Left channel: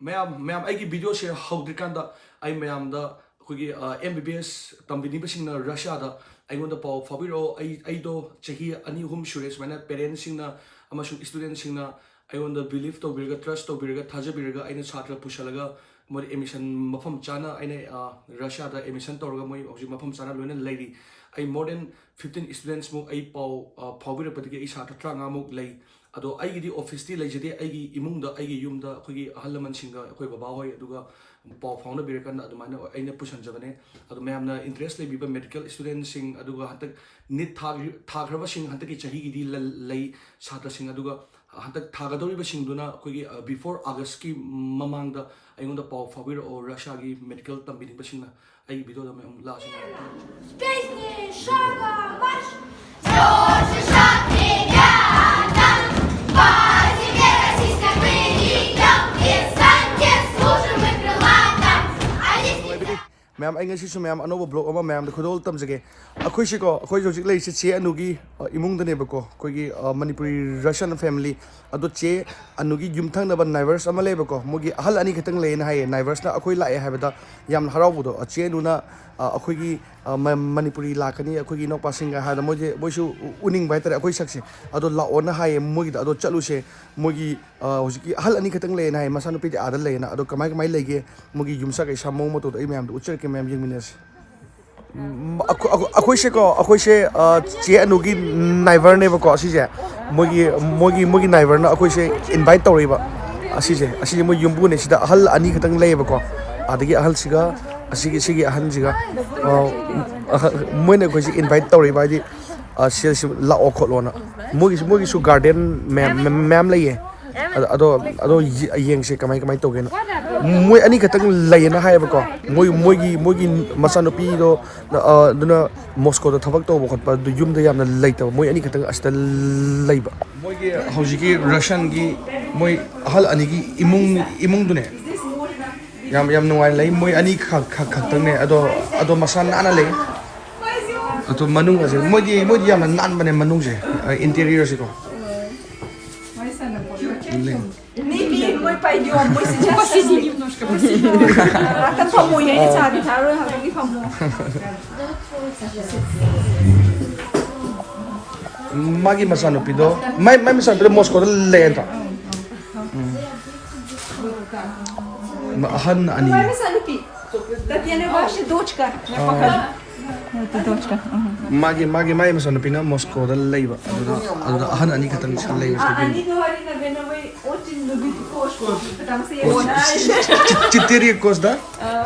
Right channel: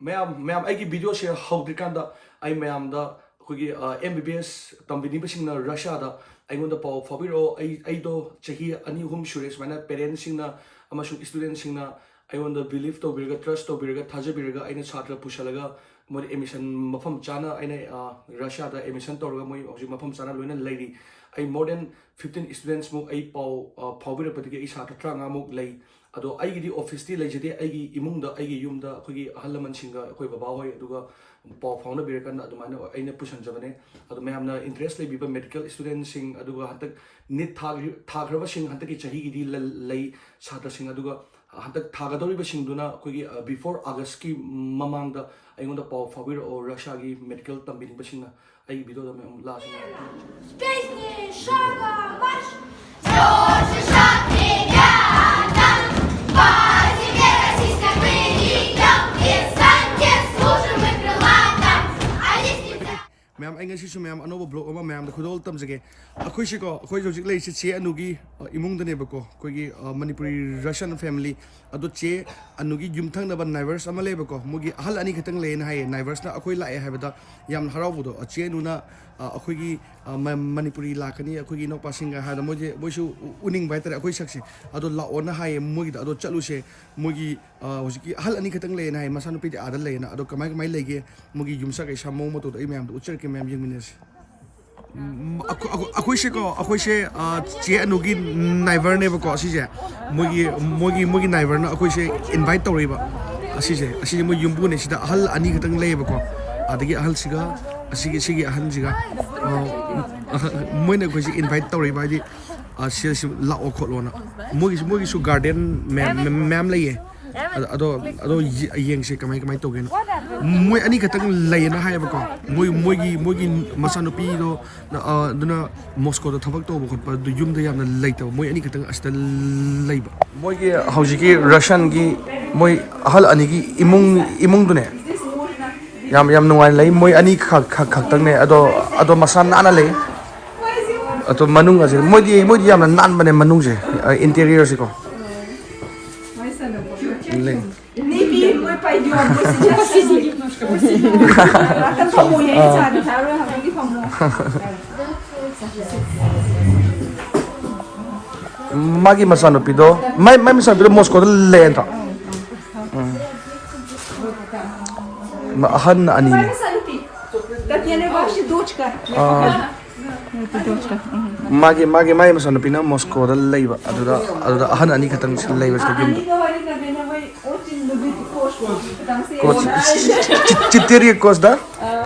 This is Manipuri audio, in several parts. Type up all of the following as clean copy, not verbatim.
मैम आई वीडियो से हौद्रिकांदा आई मैम दा अखोगी MBBS तंबिनिबसिंगना रशियादा अइगोंदा पाव फाबिरो अइदो चही अनि हुम सुरे सुमाइना पेरेंट्स सिंगना अमसुंग स्टूडेंट सिंगना अइगोंदा बिलीव तौबिरगा ट्रस्ट तौबिरगा थाजबिरगा अइना छात्र पुशलगा मोर एडमिशन मफम चाना अइना रशियादा एडमिशन तौरगा मोय हौजि मफम चाना लोइना लैरी आई मोर देन 15 स्टूडेंट्स मु आई पाव फाबिरपदिगे आई छात्र 35 मु लै अदो आइगी ऑफिस ती लेजदे आइगी इमुंगदा आइगी युमदा अखोगी अहलमन सिंगा अखोई बाबा होय अदुगा पाव फाउना बिरकन अदुमाना आइना पुशन जबने अदो मैमना इंटरेस्ट लेबिबा मेडिकल स्टूडेंट सिंग अदुगा हतक निट थाग्रबा सिंग हतक की चही गिदी लै छात्र सिंग अदुगा हतक थागदौरिबा सिंगदुना अखोगी बिफोर अगस्त की ममांगदा आइगोंदा पाव फाबिर और रशिया की मेडिकल तंबिनिबा सिंगना आइगी वीडियो दा मैं लास्ट Песни шага марш, слёзы шаг ребята, по земле российской пыльем, и станьте служим мы крылато, а если मैम आई ngasi मैम अनोब ब्लॉग अमा मैम खुदोल तमजगे अखोइसिको अखोइ जोजिक लेसे चे अनुगी इमुंगदनेबको अखोइगी मणिपुरी रशियन फैमिली अदो चे अनुगी युमथंगनबा नाइबर्स अमा लेबको मोगी अहल अनि खतंग लेना हाय नाइबर्स ना अखोइ लाए हाबदा याम हरावबदो चे नुना अखोइगी मणिपुरी लाकनी अखोइगी नोपासिंगा हादा मोजे बोइसु उनिंग बाइतर अखोइ सक्से अदो लाओना हाय मोगी अदो चलुसे मोगी होजिकी अहल अनि खतंग लेना हाय मसानु पिदे आदल लेना अदो कमाय कमाय लेगे मोगी युमसा कै सामो मतो दो मैम उच्चर के मैम यंगमिनेस अखोइसे को अखोइसे चे अनुगी नाइबर नेबको असिजे मोगी नाइबर ना अखोइसे इनवाइट तौरेबा असिजे मो युमबुने सिदा अहल अनि खतंग लेबको आदगी अहल सिगा असिगे अहन सिगा मोइने अखोइसे इनवाइट तौरेबा आदि सेल्स लाओ खोलोना मोगी सु गार्डन मैम लेये अदो येंगसे कमाय कमाय तोगेना मोय अनि खतंग लेना हायबको मोगी मसानुपी दो दुना मॉस्को दो थबक तोब खतपा दु युमदा यामना लेतब मोय अनि खतंग अस्ता लेबा मोगी हौजिकी रशियन की मोय अहल अनि की इमुंग दुने याम नुवान लई मोय अनि खतंग ने अदो मसान नाना ले अतो मनुंग असे मोगी यामना नान बने मनुंग से इंटीरियर से को Не бей, мы пойдем, мы сейчас посидим немножко, посидим. А там помой, я не знаю, второй году не помог. Маги масану пидо, май масану пидо Москва лента. Ахан ани. Татьяна, ваша дочка. Я покажу. Это дочка. Маги масану пидо Москва лейба. Адуда ахан ани катан лейба. Они говорят, наверное, вы очень любите кошку, потому что я его знаю. 4 кос, да?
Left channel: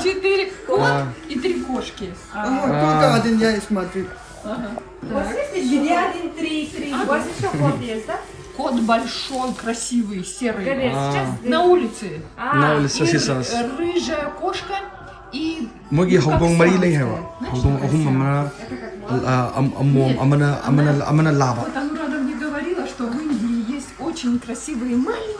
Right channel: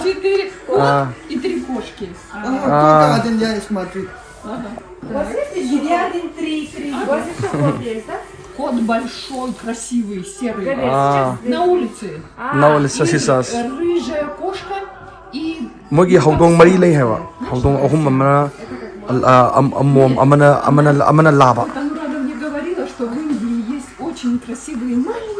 4 кот и 3 кошки. Только один я и смотрю. Вот здесь 1, 3. Вот еще кот есть, да? Кот большой, красивый, серый. На улице. На улице сисас. Рыжая кошка и... Моги houdong mari lei hewa. Houdong ahum amana laba. Там рада мне говорила, что в Индии есть очень красивые маленькие.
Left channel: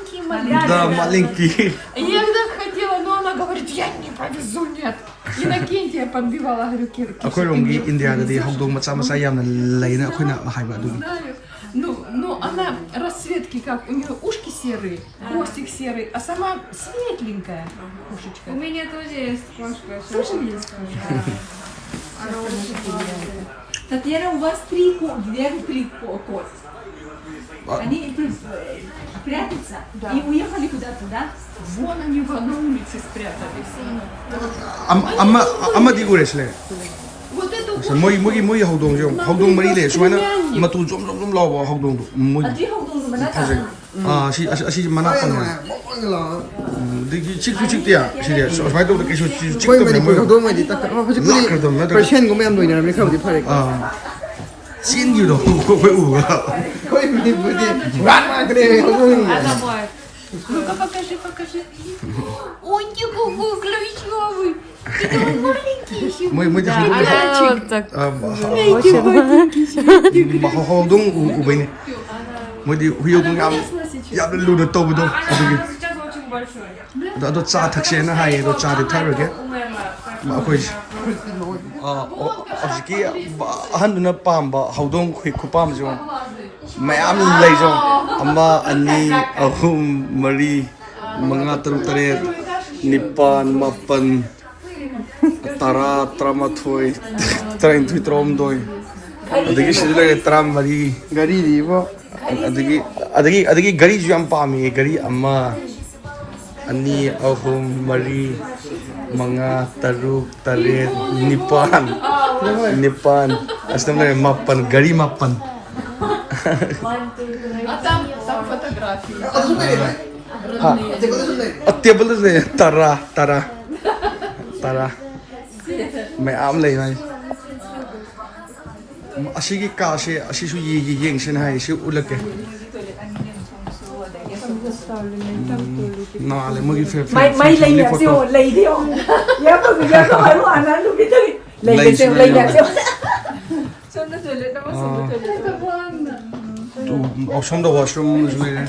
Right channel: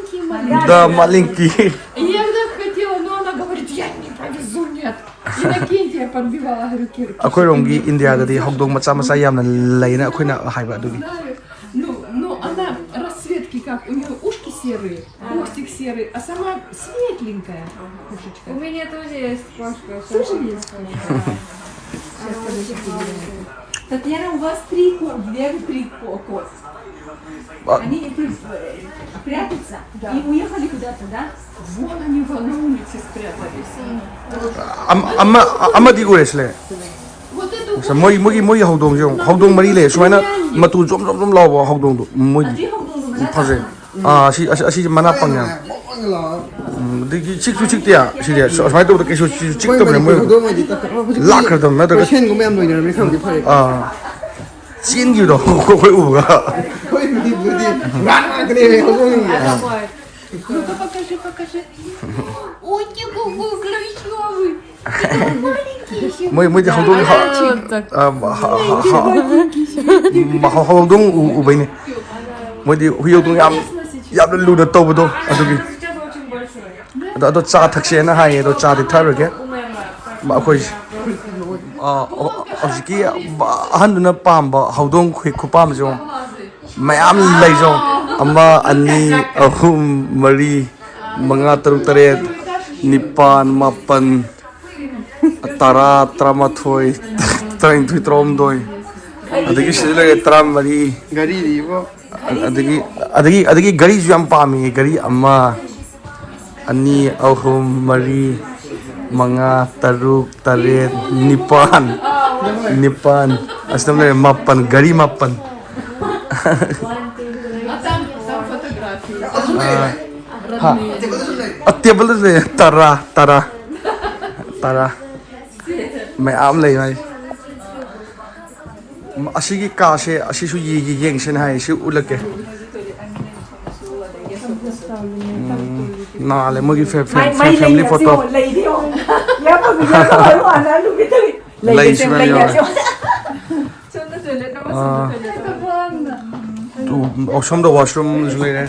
Да, маленькие. И я так хотела, но она говорит, я не повезу, нет. Иннокентия подбивала, говорю, Кирки. Акой ромги Индия да houdong macha yamna leina akoi na haiba adugi. Знаю. Ну, она расцветки как, у нее ушки серые, хвостик серый, а сама светленькая кошечка. У меня тоже есть кошка. Тоже есть кошка. Татьяна, у вас 3 кот. Они прятаются и уехали куда-то, да? Вон они на улице спрятались. Ama di goresley. Вот эту Mogi houdong mari le sumaina matu jom lawa houdong do moi phaje asi mana pangya di chik tia si dia sai to ke chik to Moi mo do mai di tak. lak kar dam na da Persian ko ma'am दोइना मैं खाऊ फरे. sin gi do koi u ga कोई भी बुद्धि गान करे हो. Ну-ка, покажи. Ой, какой клёвый. Ты маленький еще. moi di houdong u bai ni moi di huyong yam lu da to do adugi Сейчас очень большой. ado cha thakse na hai do cha di thar ge Умерла. ma akoi ꯍꯧꯖꯤꯛꯀꯤ ꯑꯍꯟꯗꯨꯅ ꯄꯥꯝꯕ ꯍꯧꯗꯣꯡ ꯈꯨꯄꯥꯝꯁꯨ ꯃꯌꯥꯝ ꯂꯩꯖꯧ 1 2 3 4 5 6 7 nipan mapan tara tramathoi train thui trom doi adagi sila ke tram mari Gari di po. adagi gari ju am pami gari amma ani ahum mari manga taruk taret nipan astam le mapan gari mapan Там фотографии. table le tara mai am le mai asigi ka se asisu yi yeng sen hai si ulake na le mogi family photo lei some the washroom is like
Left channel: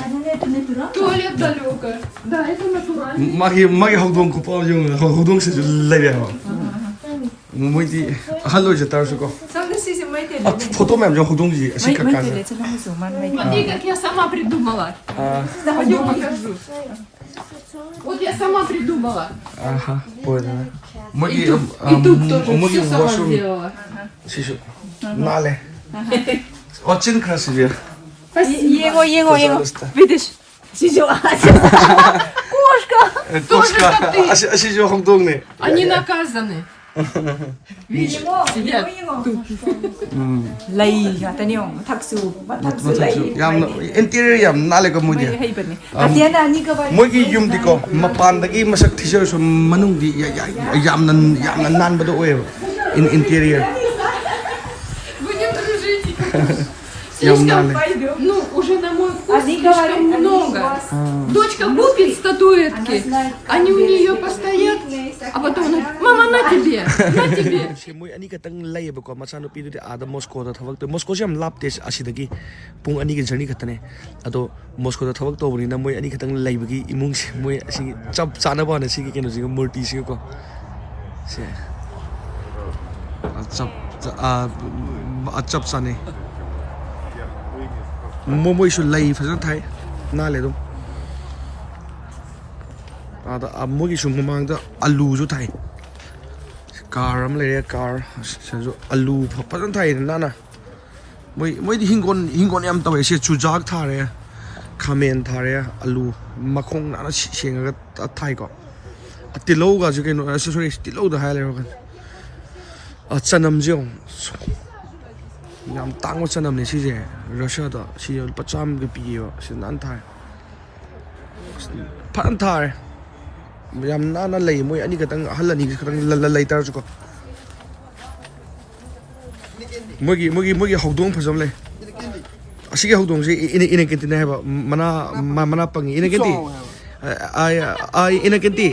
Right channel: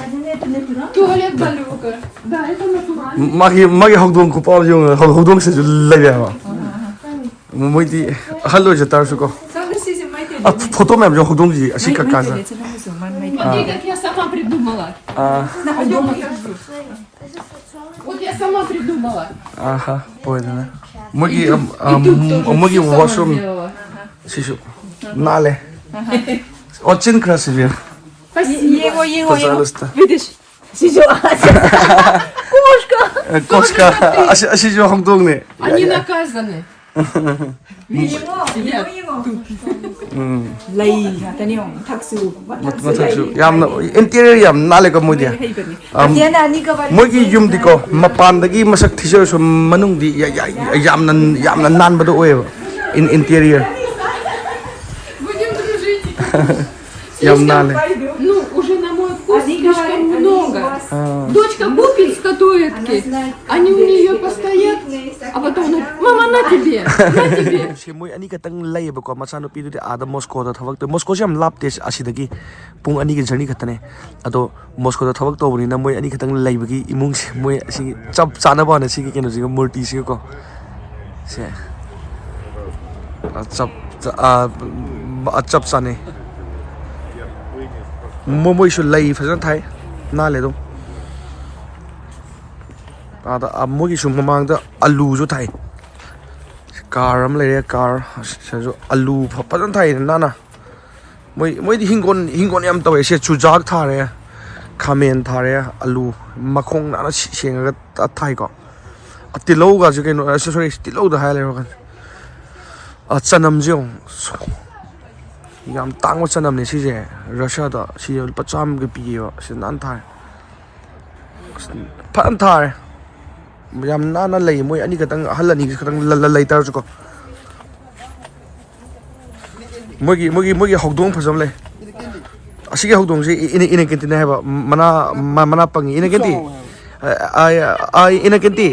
Туалет далеко. Да, это натурально. magi hogdong ko pa yung hogdong se lay ya moi di hallo je tar su ko photo mem jo hogdong ji asi ka ka Смотри, как я сама придумала. Пойдем покажу. Вот я сама придумала. aha poina mogi И тут тоже mogi всё сама washroom сделала. sisu nale очень красиво Его, пожалуйста видишь? кошка asi jo hogdong ne Они наказаны. Видишь, сидят. Lay ngata niyo, taksu, mataksu yam interior yam nale ko mo dia Atiana ni ka ba? mogi yum di ko mapan dagi masak thiser so manung di yam nan ba do in interior Будем дружить. yam nale Ну, уже на мой вкус слишком много. Дочка купит статуэтки, они у нее постоят, а потом она говорит, мама, на тебе, на тебе. moi ani ka tang lai ba ko machano pi du ada moscow da thawak te moscow jam lap te asidagi pung ani ki journey khatane ado moscow da thawak to buni na moi ani ka tang lai ba ki imung se moi asi chap chana ba na si ki keno ji murti si ko se chap chane moi su lai fajan thai na le do ada amogi su mamang da alu ju thai car am le car so alu phajan thai na moi di hingon yam tawe se chujak thare khamen thare alu makhong na senga thai ko atilo ga ju ke no sorry tilo da hai le ro kan chanam jong yam tang wa chanam ne si je russia da si pacham ge pi yo se nan thai phan thai yam na lei moi ani ka tang halani ka tang lai tar ju ko mogi hogdong phajam le asige hogdong si ine kenti na ba mana pangi ine kenti ai ine kenti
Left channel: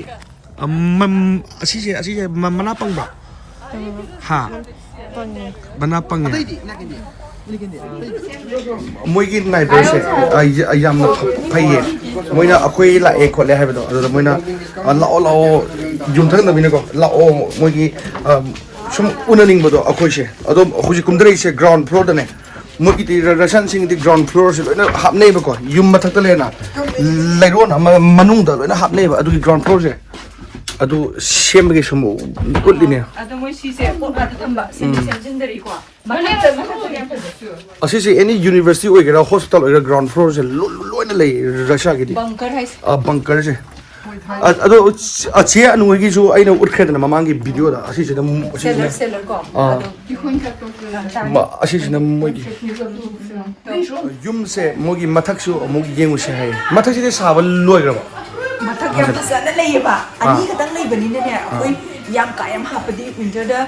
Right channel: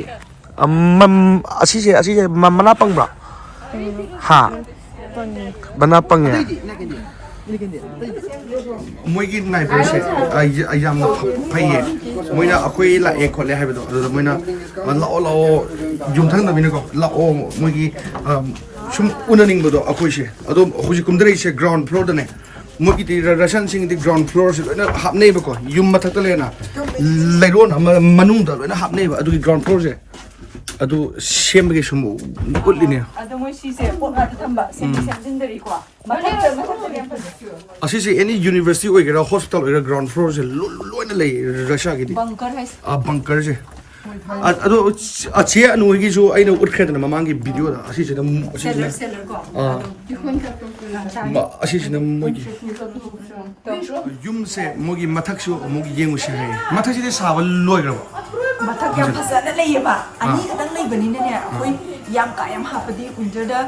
asige mana pang ba ha mana pang ya moigi neighbors se ayam na phaiye moina akoi la e khole ha ba do moina lao yum thang na bine ko lao moigi sum unaning ba do akoi se ado huji kumdrei se ground floor da ne moigi ti rashan sing di ground floor se na hap nei ba ko yum mathak ta le na lairon manung da na hap nei ba adu ground floor se adu semge sum kulline Ado mo si se ko ba tamba, sinjindari ko. asisi any university oigera hospital oigera ground floor se loina lei rasha gi di Bunker hai. bunker se ado ache anu gi ju aina urkhed na mamang gi video da asisi da Seller ko. asisi na mogi yum se mogi mathak su mogi yengu se hai mathak se sabal loigra ba Mathak yam phasana leyba. Ani katang leybani ne akoi yam ka yam hapadi winter da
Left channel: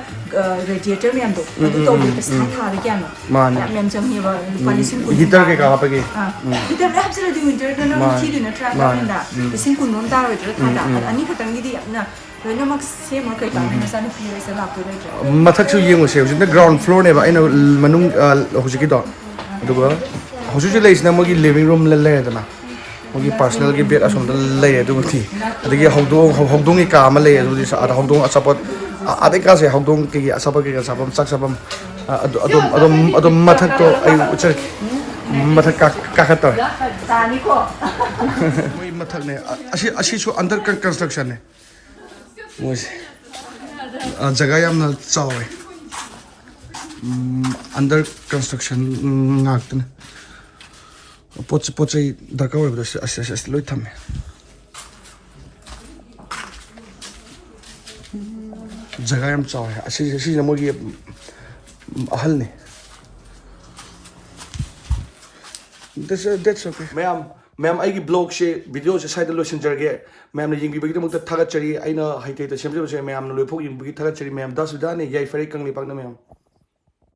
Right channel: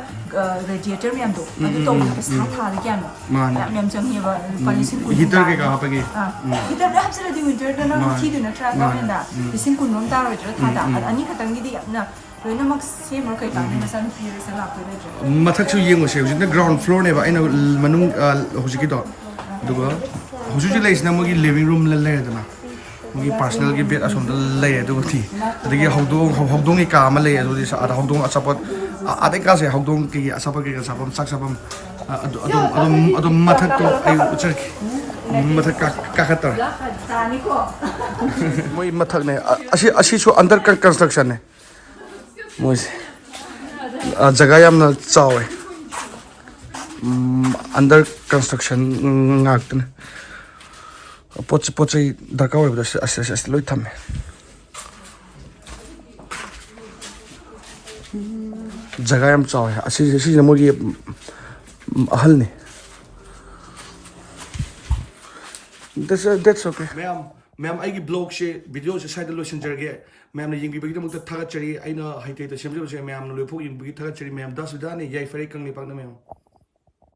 radiator yam do. Adu to bi sa tha ri kya no. Mane. Mem chang he ba polisin kun. heater ke ka pa gi Heater da hapsala di winter da na thi di na try ka da. Polisin kun non ta ro tha da. Ani katang gi di yam na. Loina mak se mo kai ka na sa na pira sa la ko da. mathak su yengu se na ground floor ne ba aina manung hojiki do dugo hoju lei na mogi living room le da na mogi personal gi bed asom da lei du thi adagi hogdong gi ka ma lei du di sa hogdong asapot adai ka se hogdong gi asapot gi asapam sak sapam adom mathak to ayu uchar mathak kakator Tani ko. moi mathak ne asi so under construction ne moi jaga yam na chawe under construction ngak ne pochi darka hoy bda asi loi thame jaga yam chawe asi mo gi ahal ne that's okay ma'am aigi blog she video se side lo sinjarge ma'am ne ying bi bagi mukta thagat chari aina haite ta semje ma'am no loi phok ying bi thagat chari ma'am da sudane yai fari kangli pakna ma'am